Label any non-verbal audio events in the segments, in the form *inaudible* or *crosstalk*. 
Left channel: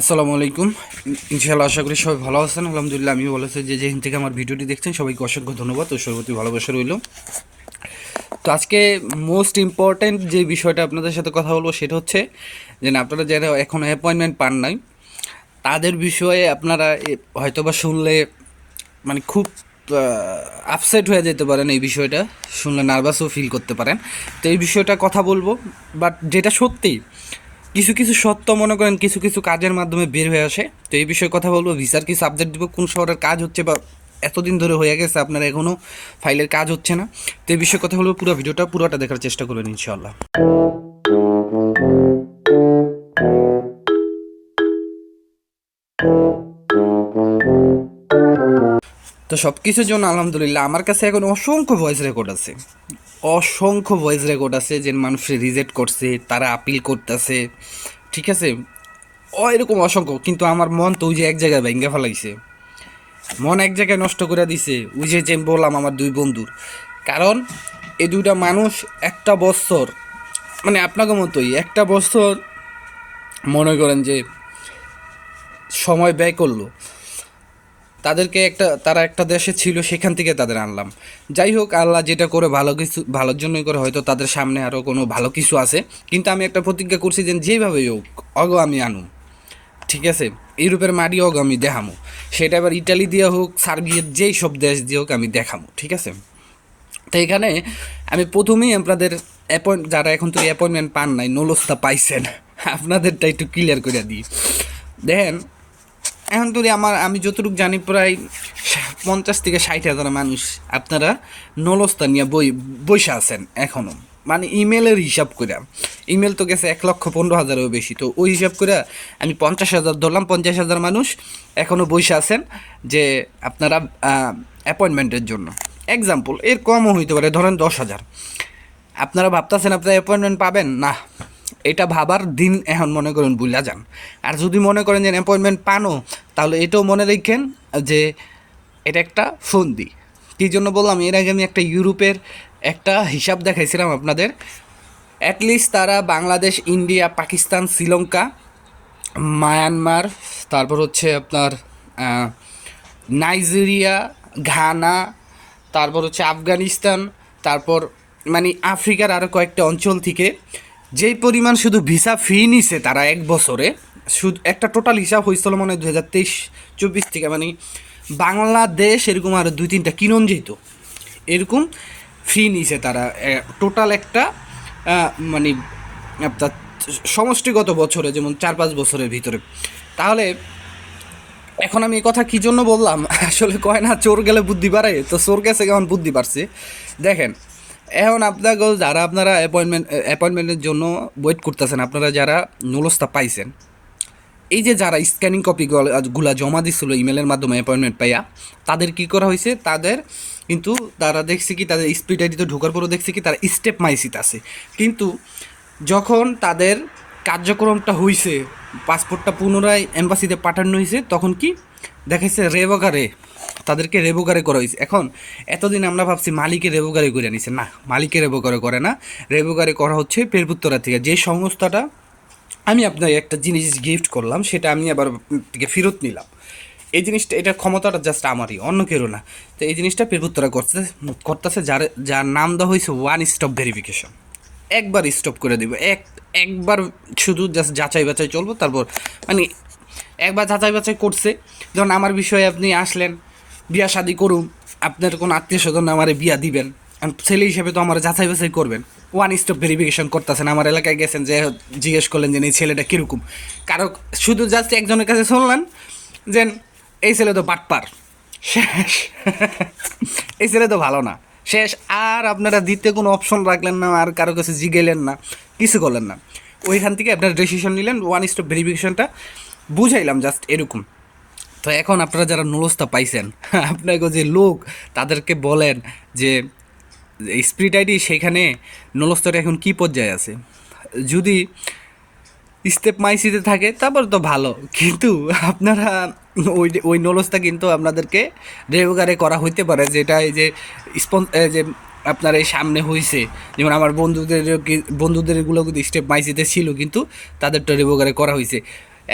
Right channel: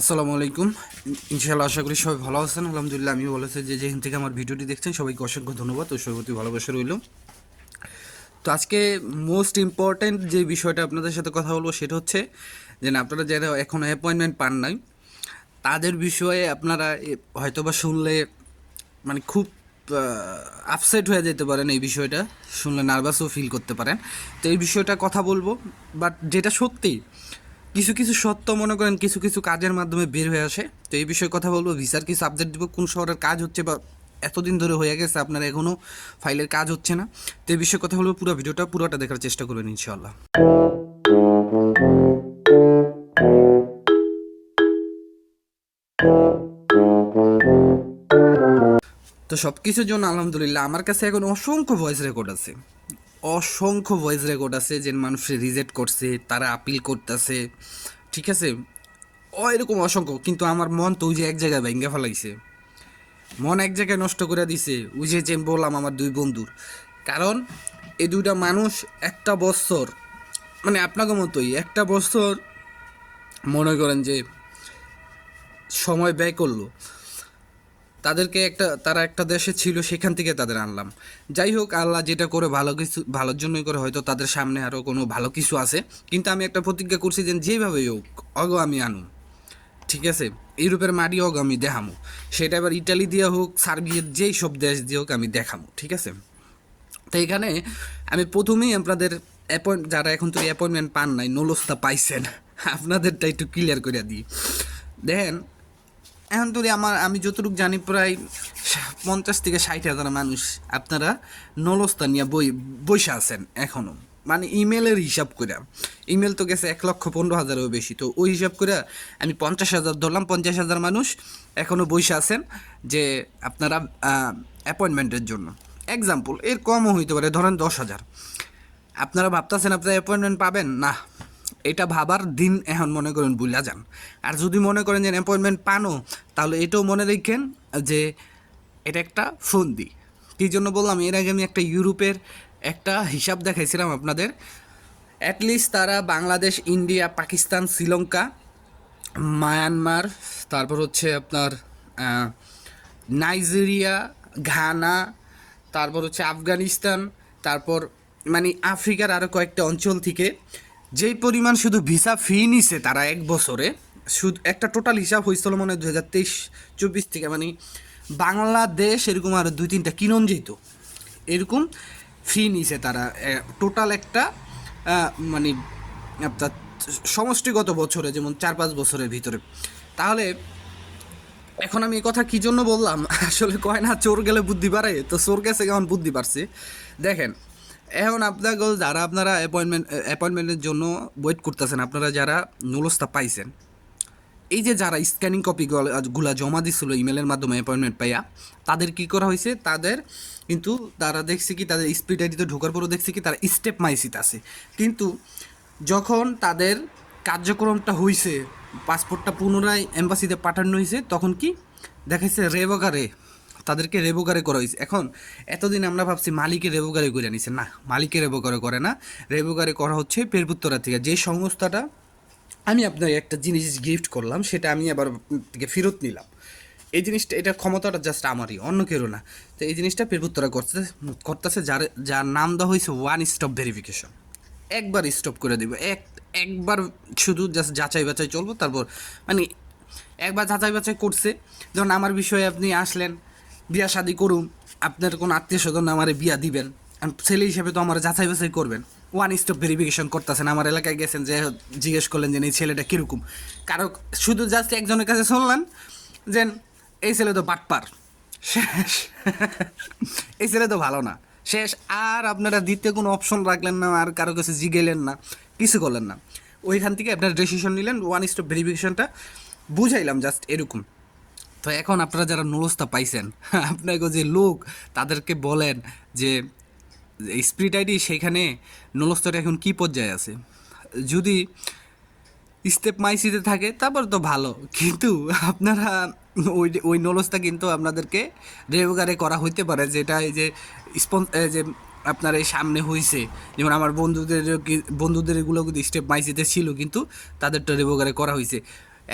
আসসালামু আলাইকুম। ইনশাআল্লাহ আশা করি সবাই ভালো আছেন। আলহামদুলিল্লাহ আমি ভালো আছি। যে যেখান থেকে আমার ভিডিওটি দেখছেন, সবাইকে অসংখ্য ধন্যবাদ ও সর্বতি ভালোবাসা রইল। তো আজকে মোস্ট ইম্পর্ট্যান্ট যে বিষয়টা আপনাদের সাথে কথা বলব সেটা হচ্ছে যে আপনারা যারা এখন অ্যাপয়েন্টমেন্ট পান নাই, তাদের বিষয়ে আপনারা হয়তোবা শুনলে মানে খুব আপসেট হয়ে যেতে পারেন এই বিষয়টা। শুনলে নার্ভাসও ফিল করতে পারেন। তো এই বিষয়টা কথা বলব। বাট যেটা সত্যি কিছু কিছু সত্য মনে করেন, কিছু কিছু কাজের মাধ্যমে বের হয়ে আসে। তো এই বিষয়ে কথা বলব। ভিসার কিছু আপডেট দিব, কোন শহরের কাজ হচ্ছে বা এতদিন ধরে হয়ে গেছে, আপনার এখনও ফাইলের কাজ হচ্ছে না। তো এই বিষয়ে কথা বলব, পুরো ভিডিওটা, পুরোটা দেখার চেষ্টা করবেন ইনশাল্লাহ তো সব কিছুর জন্য আলহামদুলিল্লাহ, আমার কাছে এখন অসংখ্য ভয়েস রেকর্ড আছে। অসংখ্য ভয়েস রেকর্ড আছে যে মানুষ রিজেক্ট করছে, তারা আপিল করতেছে, ঠিক আছে? ও এরকম অসংখ্য, কিন্তু আমার মন তো ওই যে এক জায়গায় ভেঙে ফেলাইছে। মন এক জায়গায় নষ্ট করে দিছে, ওই যে যে বললাম আমার দুই বন্ধুর। কারণ এ দুইটা মানুষ একটা বছর মানে আপনাকে মতোই, একটা বছর মনে করেন যে সময় ব্যয় করল। তাদেরকে একটা, তারা একটা দেশে ছিল, সেখান থেকে তাদের আনলাম। যাই হোক, আল্লাহ যেটা করে ভালো কিছু, ভালোর জন্যই করে, হয়তো তাদের সামনে আরও কোনো ভালো কিছু আছে। কিন্তু আমি একটা প্রতিজ্ঞা করছি যে যেভাবেই হোক, অগ আমি আনু। ঠিক আছে? ইউরোপের মাটি হোক আমি দেখামো। সেটা এবার ইটালি দিয়ে হোক, সার্বিয়ার যেই সব দেশ দিয়ে হোক, আমি দেখামো। ঠিক আছে? তো এখানে আমি প্রথমেই আপনাদের অ্যাপয়েন্ট যারা এখন তো অ্যাপয়েন্টমেন্ট পান নাই, নলস্তা পাইছেন, আপনাদেরটা একটু ক্লিয়ার করে দিই। দেখেন এখন যদি আমার, আমি যতটুকু জানি প্রায় পঞ্চাশ থেকে ষাট হাজার মানুষ আপনারা নলস্তা নিয়ে বই বৈশা আছেন এখনও মানে ইমেলের হিসাব করে ইমেল তো গেছে এক লক্ষ পনেরো হাজারেরও বেশি। তো ওই হিসাব করে আমি পঞ্চাশ হাজার ধরলাম, পঞ্চাশ হাজার মানুষ এখনও বসে আছেন যে আপনারা অ্যাপয়েন্টমেন্টের জন্য। এক্সাম্পল এর কমও হইতে পারে, ধরেন দশ হাজার। আপনারা ভাবতেছেন আপনারা অ্যাপয়েন্টমেন্ট পাবেন? না। এটা ভাবার দিন এখন মনে করেন বুঝলা যান। আর যদি মনে করেন যে অ্যাপয়েন্টমেন্ট পানো, তাহলে এটাও মনে রাখেন যে এটা একটা ফন্দি। কী জন্য বললাম? এর আগে আমি একটা ইউরোপের একটা হিসাব দেখাইছিলাম আপনাদের। অ্যাটলিস্ট তারা বাংলাদেশ, ইন্ডিয়া, পাকিস্তান, শ্রীলঙ্কা, মায়ানমার, তারপর হচ্ছে আপনার নাইজেরিয়া, ঘানা, তারপর হচ্ছে আফগানিস্তান, তারপর মানে আফ্রিকার আরও কয়েকটা অঞ্চল থেকে যেই পরিমাণ শুধু ভিসা ফি নিছে তারা এক বছরে, শুধু একটা টোটাল হিসাব হয়েছিল মনে দু হাজার তেইশ, চব্বিশ থেকে মানে বাংলাদেশ এরকম আরও দুই তিনটা কিনন যেত, এরকম ফি নিছে তারা। টোটাল একটা মানে আপনার সমষ্টিগত বছরে, যেমন চার পাঁচ বছরের ভিতরে। তাহলে এখন আমি এই কথা কি জন্য বললাম? *laughs* আসলে কয় না, চোর গেলে বুদ্ধি বাড়ে তো চোর গেছে কেমন বুদ্ধি বাড়ছে? দেখেন এখন আপনাকে যারা আপনারা অ্যাপয়েন্টমেন্ট অ্যাপয়েন্টমেন্টের জন্য ওয়েট করতেছেন, আপনারা যারা নুলস্তা পাইছেন, এই যে যারা স্ক্যানিং কপি গুলা জমা দিছিল ইমেলের মাধ্যমে অ্যাপয়েন্টমেন্ট পাইয়া, তাদের কি করা হয়েছে? তাদের কিন্তু তারা দেখছে কি, তাদের স্পিড আইডিতে ঢোকার পরও দেখছে কি, তারা স্টেপ মাইসিত আছে। কিন্তু যখন তাদের কার্যক্রমটা হয়েছে পাসপোর্টটা পুনরায় এম্বাসিতে পাঠানো হয়েছে তখন কি? দেখাইছে রেবগারে তাদেরকে রেবোগারে করা হয়েছে। এখন, এতদিন আমরা ভাবছি মালিকের রেবোগারে করে নিছে। না মালিকের রেবোগারে করে না। রেবোগারে করা হচ্ছে পেরপুত্তরা থেকে। যে সংস্থাটা আমি আপনাকে একটা জিনিস গিফট করলাম, সেটা আমি আবার থেকে ফেরত নিলাম। এই জিনিসটা এটা ক্ষমতাটা জাস্ট আমারই, অন্য কেউ না। তো এই জিনিসটা পেরপুত্তরা করতে করতেছে যার যার নাম দেওয়া হয়েছে ওয়ান স্টপ ভেরিফিকেশন একবার স্টপ করে দিব। এক, একবার শুধু জাস্ট যাচাই বাছাই চলবো, তারপর মানে একবার যাচাই বাছাই করছে। যেমন আমার বিষয়ে আপনি আসলেন বিয়া শাদি করুন আপনার কোনো আত্মীয় স্বজন আমারে বিয়া দিবেন। ছেলে হিসেবে তো আমার যাচাই বাছাই করবেন। ওয়ান স্টপ ভেরিফিকেশন করতেছেন, আমার এলাকায় গেছেন যে জিজ্ঞেস করলেন যে, এই ছেলেটা কীরকম? কারও শুধু জাস্ট একজনের কাছে শুনলেন যে, এই ছেলে তো বাটপার। শেষ। *laughs* এই ছেলে তো ভালো না। শেষ। আর আপনারা দিতে কোনো অপশন রাখলেন না, আর কারও কাছে জিগেলেন না, কিছু করলেন না। ওইখান থেকে আপনারা ডিসিশন নিলেন ওয়ান স্টপ ভেরিফিকেশনটা বুঝাইলাম জাস্ট এরকম। তো এখন আপনারা যারা নুলস্তা পাইছেন *laughs* আপনাকে যে লোক, তাদেরকে বলেন যে স্পিরিট আইডি সেখানে নলস্তটা এখন কি পর্যায়ে আছে। যদি স্টেপ মাইসিতে থাকে, তারপর তো ভালো। কিন্তু আপনারা ওই ওই নলসটা কিন্তু আপনাদেরকে রেগুগারে করা হইতে পারে, যেটা এই যে স্পন যে আপনার এই সামনে হয়েছে যেমন আমার বন্ধুদের কি- বন্ধুদের এগুলো কিন্তু স্টেপ মাইসিতে ছিল, কিন্তু তাদেরটা রেবোগারে করা হয়েছে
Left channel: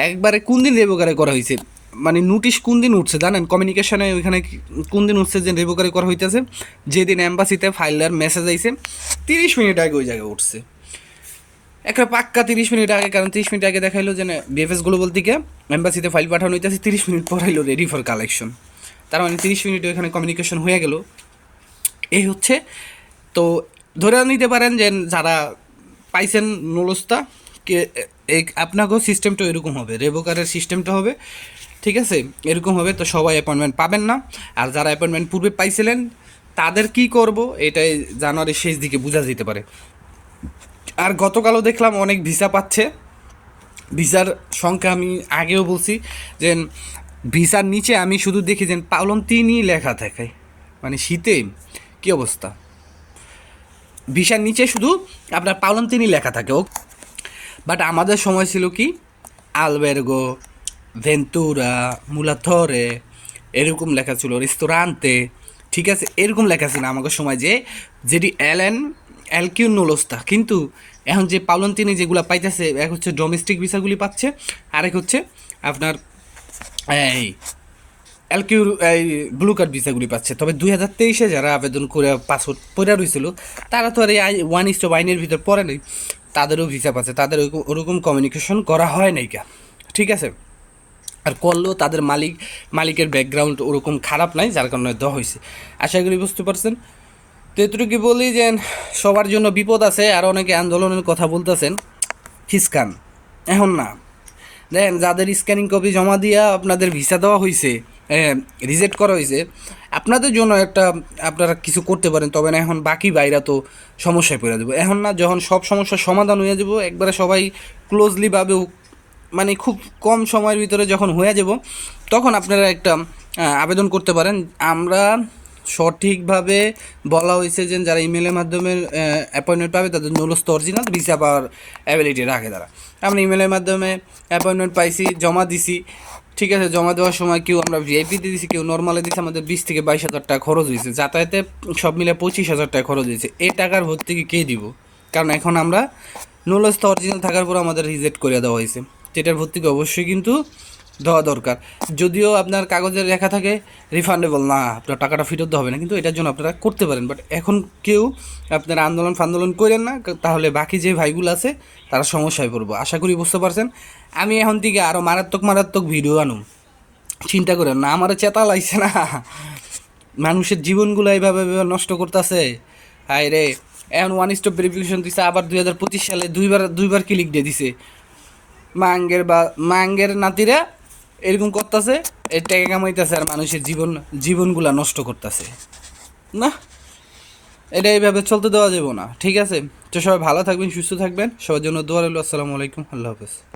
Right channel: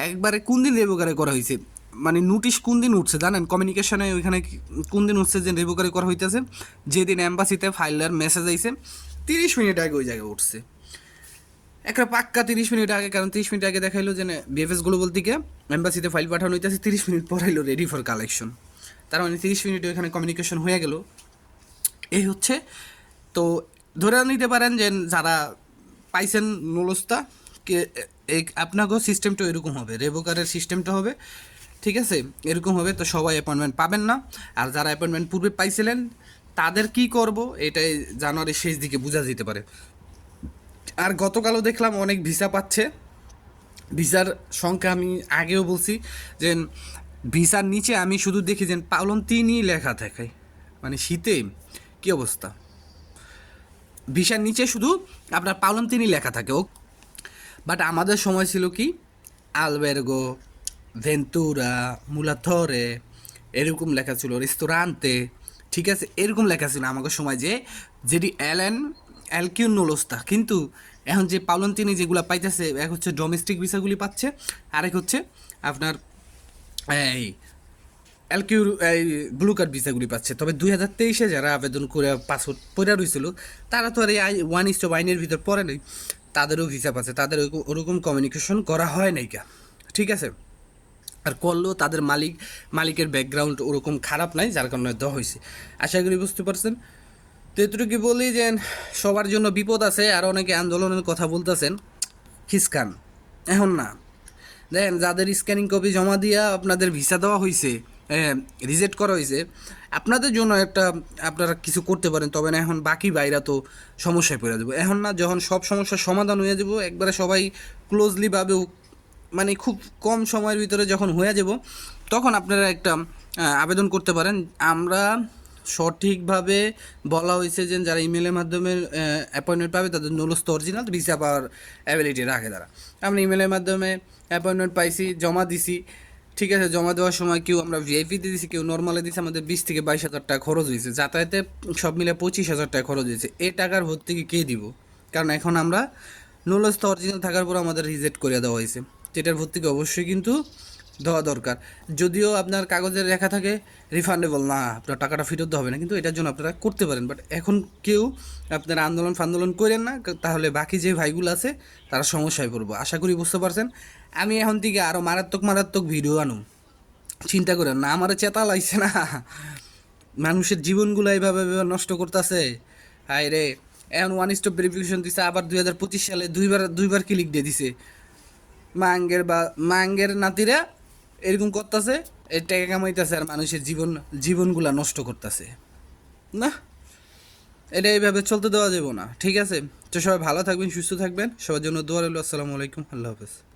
একবারে কোন দিন রেবোকারে করা হয়েছে মানে নোটিশ কোন দিন উঠছে, জানেন? কমিউনিকেশনে ওইখানে কোন দিন উঠছে যে রেবোকারে করা হইতেছে? যেদিন অ্যাম্বাসিতে ফাইলার মেসেজ আইছে, তিরিশ মিনিট আগে ওই জায়গায় উঠছে। একটা পাক্কা তিরিশ মিনিট আগে, কারণ তিরিশ মিনিট আগে দেখাইলো যে বিএফএস গ্লোবাল থেকে অ্যাম্বাসিতে ফাইল পাঠানো হইতেছে, তিরিশ মিনিট পর আইলো রেডি ফর কালেকশন তার মানে তিরিশ মিনিটে ওখানে কমিউনিকেশন হয়ে গেল। এই হচ্ছে, তো ধরে নিতে পারেন যে যারা পাইছেন নলস্তা আপনাকেও সিস্টেমটা এরকম হবে, রেবোকারের সিস্টেমটা হবে। ঠিক আছে? এরকম হবে, তো সবাই অ্যাপয়েন্টমেন্ট পাবেন না। আর যারা অ্যাপয়েন্টমেন্ট পূর্বে পাইছিলেন, তাদের কি করব? এটাই জানুয়ারির শেষ দিকে বোঝা যেতে পারে। আর গতকালও দেখলাম অনেক ভিসা পাচ্ছে। ভিসার সংখ্যা আমি আগেও বলছি যে, ভিসার নিচে আমি শুধু দেখি যে পালন তিনই লেখা থাকে। মানে শীতে, কি অবস্থা? ভিসার নিচে শুধু আপনার পালন তিনই লেখা থাকে, ও। বাট আমাদের সময় ছিল কি? আলবেরগো ভেন্তুরা মুলাথরে এরকম লেখা ছিল রেস্তোরান্তে ঠিক আছে, এরকম লেখা ছিল আমাকে সময় যে, যেটি এল এন এল কিউ নোলস্তা কিন্তু এখন যে পালন তিনি যেগুলো পাইতেছে, এক হচ্ছে ডোমেস্টিক ভিসাগুলি পাচ্ছে, আরেক হচ্ছে আপনার এই এলকিউর এই ব্লু কার্ড ভিসাগুলি পাচ্ছে। তবে দুই হাজার তেইশে যারা আবেদন করে, পাসপোর্ট পড়ে রয়েছিল তারা তো আর এই আই ওয়ান ইস্ট আইনের ভিতর পড়ে নেই, তাদেরও ভিসা পাচ্ছে, তাদের ওরকম- কমিউনিকেশন করা হয় নাই কা ঠিক আছে? আর করলেও তাদের মালিক, মালিকের ব্যাকগ্রাউন্ড ওরকম খারাপ নাই, যার কারণে দেওয়া হয়েছে। আশা করি বুঝতে পারছেন। তো এতটুকু বলি যে, সবার জন্য বিপদ আছে, আর অনেকে আন্দোলনের কথা বলতেছেন। খিসকান এখন না। দেখেন যাদের স্ক্যানিং কপি জমা দিয়া আপনাদের ভিসা দেওয়া হয়েছে রিজেক্ট করা হয়েছে, আপনাদের জন্য একটা, আপনারা কিছু করতে পারেন, তবে না, এখন বাকি বাইরা তো সমস্যায় পড়ে দেবো এখন না, যখন সব সমস্যার সমাধান হয়ে যাব, একবারে সবাই ক্লোজলি ভাবে মানে খুব কম সময়ের ভিতরে যখন হয়ে যাব, তখন আপনারা একটা আবেদন করতে পারেন। আমরা সঠিকভাবে বলা হয়েছে যে যারা ইমেলের মাধ্যমে অ্যাপয়েন্টমেন্ট পাবে, তাদের নলস্ত অরিজিনাল ভিসা পাওয়ার অ্যাবিলিটি রাখে তারা। আমরা ইমেলের মাধ্যমে অ্যাপয়েন্টমেন্ট পাইছি, জমা দিছি। ঠিক আছে, জমা দেওয়ার সময় কেউ আমরা ভিআইপিতে দিছি, কেউ নর্মালে দিছি, আমাদের বিশ থেকে বাইশ হাজার টাকা খরচ হয়েছে। যাতায়াতে সব মিলে পঁচিশ হাজার টাকা খরচ হয়েছে। এই টাকার ভর্তুকি কে দিব? কারণ এখন আমরা নুলস্থ অরিজিনাল থাকার পর আমাদের রিজেক্ট করে দেওয়া হয়েছে। যেটার ভর্তুকি অবশ্যই কিন্তু দেওয়া দরকার। যদিও আপনার কাগজের লেখা থাকে রিফান্ডেবল না, আপনার টাকাটা ফেরত হবে না, কিন্তু এটার জন্য আপনারা করতে পারেন। বাট এখন কেউ আপনারা আন্দোলন ফান্দোলন করেন না তাহলে বাকি যে ভাইগুলো আছে, তারা সমস্যায় পড়ব। আশা করি বুঝতে পারছেন? আমি এখন থেকে আরও মারাত্মক মারাত্মক ভিডিও আনুম। চিন্তা করেন না, আমার চেতা লাগছে না। মানুষের জীবনগুলো এইভাবে নষ্ট করতেছে। হায় রে, এখন ওয়ান স্টপ ভেরিফিকেশন দিছে, আবার দুই হাজার পঁচিশ সালে দুইবার দুইবার ক্লিক দিয়ে দিছে। মাঙ্গের বা, মাঙ্গের নাতিরা এরকম করতেছে, এই টাকা কামাইতেছে আর মানুষের জীবন, জীবনগুলা নষ্ট করতেছে। না? এটা এইভাবে চলতে দেওয়া যাবে না। ঠিক আছে? তো সবাই ভালো থাকবেন, সুস্থ থাকবেন। সবার জন্য দোয়া আসসালামু আলাইকুম, আল্লাহ হাফেজ।